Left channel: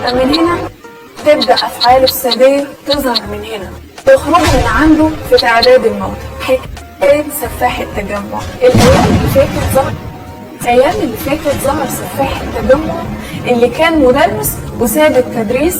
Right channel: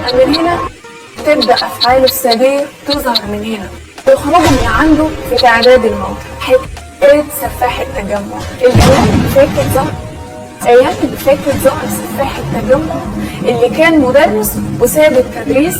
من هنا تبدأ أفعال السادية تظهر من هنا، تخرج من عنده في تعداد الموت. حكاية سفاح التجمع أيام اللي فاتت ظهر سفاح التجمع اللي كان مدرس وساب التدريس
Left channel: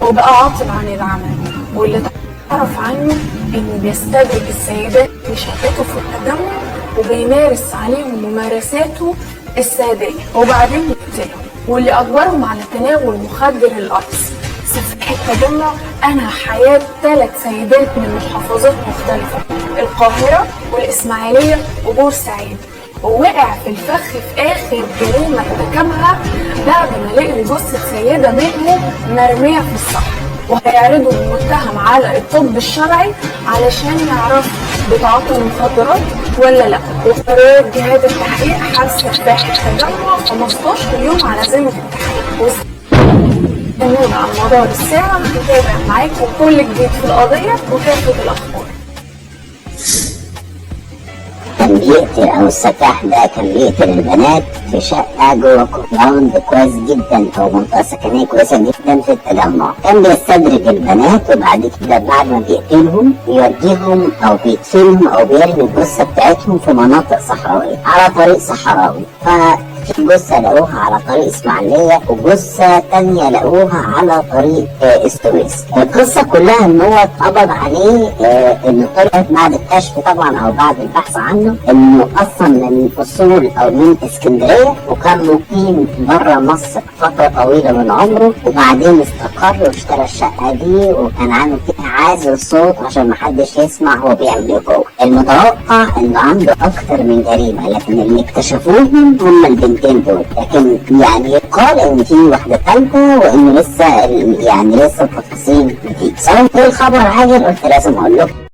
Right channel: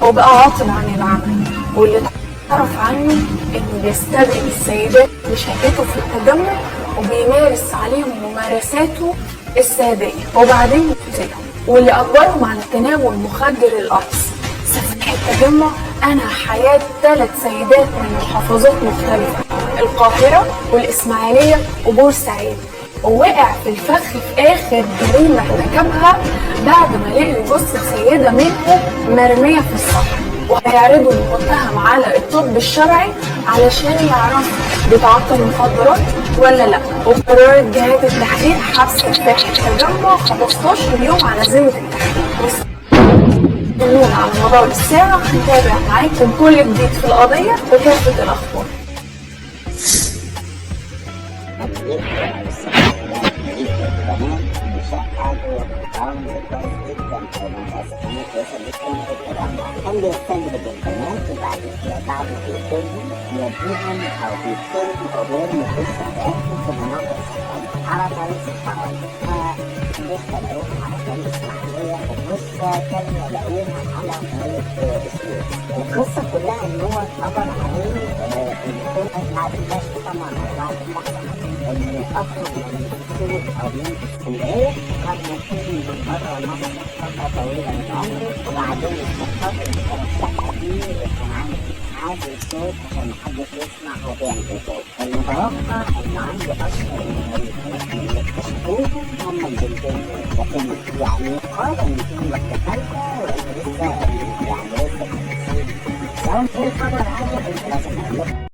وبقى عاطل عن العمل، واللي تعرف عنه إنه بيستدعي السيدات لشقته في التجمع وبيمارس عليهم ممارساته السادية وبعدين بيقتلهم، واللي أجبرهم على تناول مخدر القرص. سفاح التجمع أنهى حياة 3 سيدات من محافظات مختلفة، القاهرة والإسماعيلية وبورسعيد، ووقع في الفخ في آخر جريمة ارتكبها بعد ما لقوا جثة سيدة منهم مرمية في الصحراء، وهيعرضوا المتهم على الطب الشرعي علشان يعرفوا بيتعاطوا المخدرات ولا لا. وقررت جهات التحقيق حبس سفاح التجمع 15 يوم على ذمة التحقيق. على مدار الساعة هنتابع معاكم كل جديد في القضية وكافة الأخبار. كان بيقتل او السفاح ده كان بيقتل البنات في شقه جوه كومباوند كويس جدا او منطقه سكنيه كويسه جدا في التجمع. كان بيستدرج البنات وبعد كده بعد ما بيقتلهم بيوديهم او بيدفنهم او بيرمي الجثه بتاعتهم في مناطق صحراويه على طريق صحراوي. في جثة لقوها على طريق اسماعيلية وجثة تانية لقوها على طريق السويس. القصة كلها ان هو اتقبض عليه، انه طلعت بعد الكشف طبعا او بعد البحث عنه انه اصلا من اصول او من اسكندرية وكان مقيم بره مصر فترة طويلة من عمره، وبعدين استقر واشترى الشقة دي وكان عامل فيها عازل صوت عشان محدش يسمع هو بيعمل ايه جوه. المتوقع انه عنده اكثر من جريمة، لكن اللي اكتشفوهم هم البنتين دول، لكن يعني يقال ان في واحدة ثالثة وانه لسه التفاصيل جديدة. سواء الخبر عاجل قلت لازم اقول لكم.